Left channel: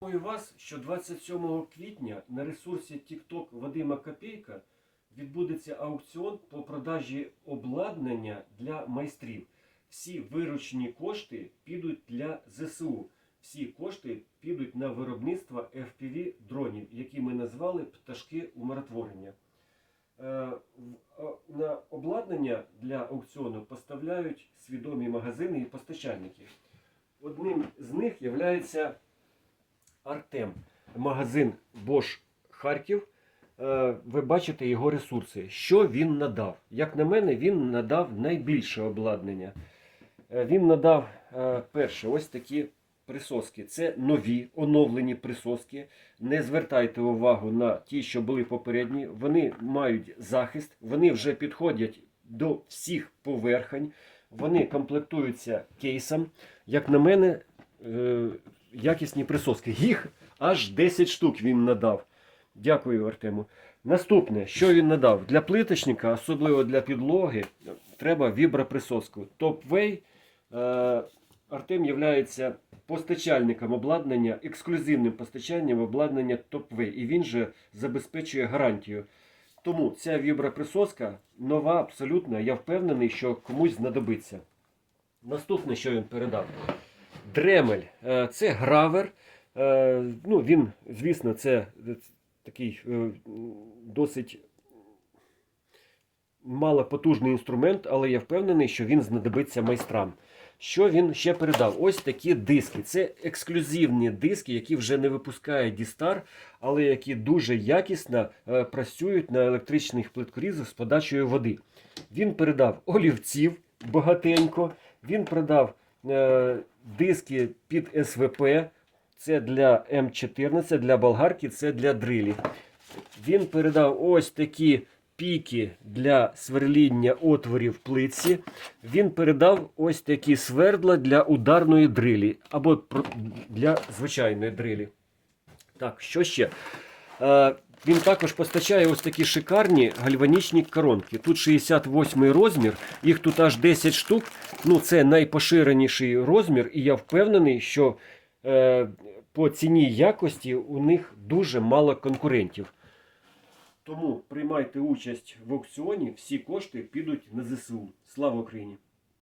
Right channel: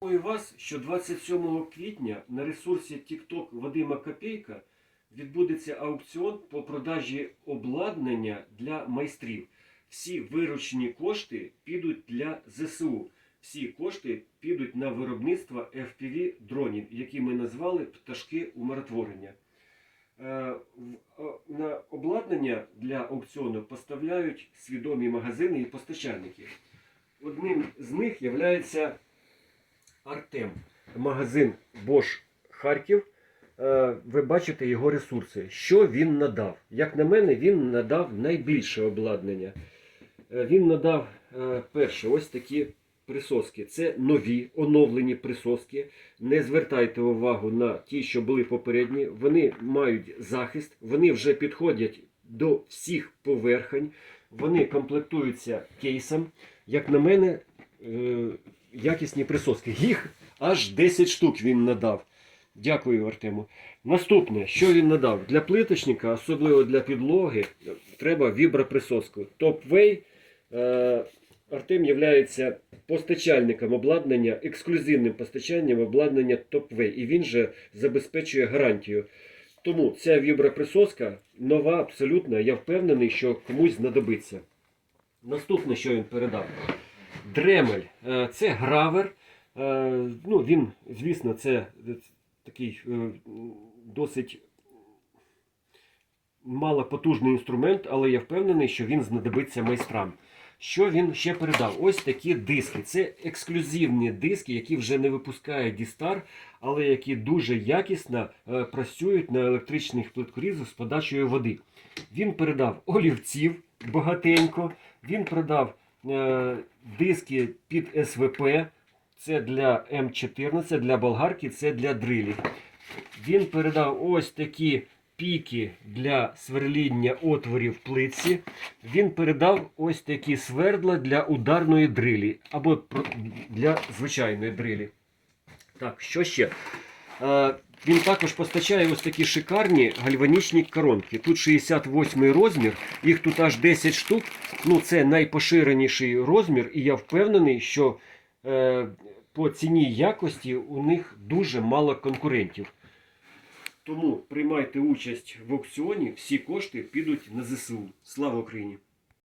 Інформую вас, що 27 квітня на ресурсі TikTok Вадима Копейка відбудеться аукціон по продажі обладнання для майстрів. Всі виручені кошти підуть для ЗСУ. Всі кошти підуть на виробництво FPV дронів, які ми назвали пташки умиротворення. Е, а, На обладнання для аукціону поставляють свідомі магазини і постачальники. Одним з них є Артем, магазин Bosch Харків. Е, Ви бачите його ресурси. Що він надав? Як на мене, він надав найбільше обладнання. Е, Він надав е, перше ось такі присоски. Це нові оновлені присоски. Не звертайте увагу на ті, що були попередні. Вони мають захист, вони вже підходять до всіх поверхень, вони комплектуються кейсом. Як на мене, якісні присоски. Їх аж 10 штук він надав. Дякую, Артему. Наступне, що він надав? Для плиточника, особливо для підлоги, треба віброприсоску. Топвей е, Артем є постачальником обладнання, ексклюзивним постачанням обладнання Топвей. І він же забезпечує гарантію. Тому ця віброприсоска нова, абсолютно. Я впевнений, що комусь знадобиться. Наступне, що він передав. Дремель. Е, Це гравер. Е, Ну, він, звісно, це такий е, досить малопотужний інструмент, але я впевнений, що він знадобиться майстрам. Що він ще передав? Ось такі диски. Це ексклюзивні диски, які вже не випускає Дістар, але які дуже якісно працюють на електричних плиткорізах з подачею води. Він передав олівців багатенько. Він передав е, диски під СВП. Це для М14, для болгарки, це для дрилів. Він передав ось такі піки для сверління отворів плитці. Він передав ось такі свердла для ударної дрилі або для звичайної дрилі. Так, що ще? Він також постачає ось такі шикарні гальванічні коронки. Тут 68 розмір, їх тут аж 10 штук. Ну, це найпоширеніший розмір, і я впевнений, що е, по ціні якості у них дуже мало конкурентів. Тому приймайте участь в аукціоні, всі кошти підуть на ЗСУ. Слава Україні!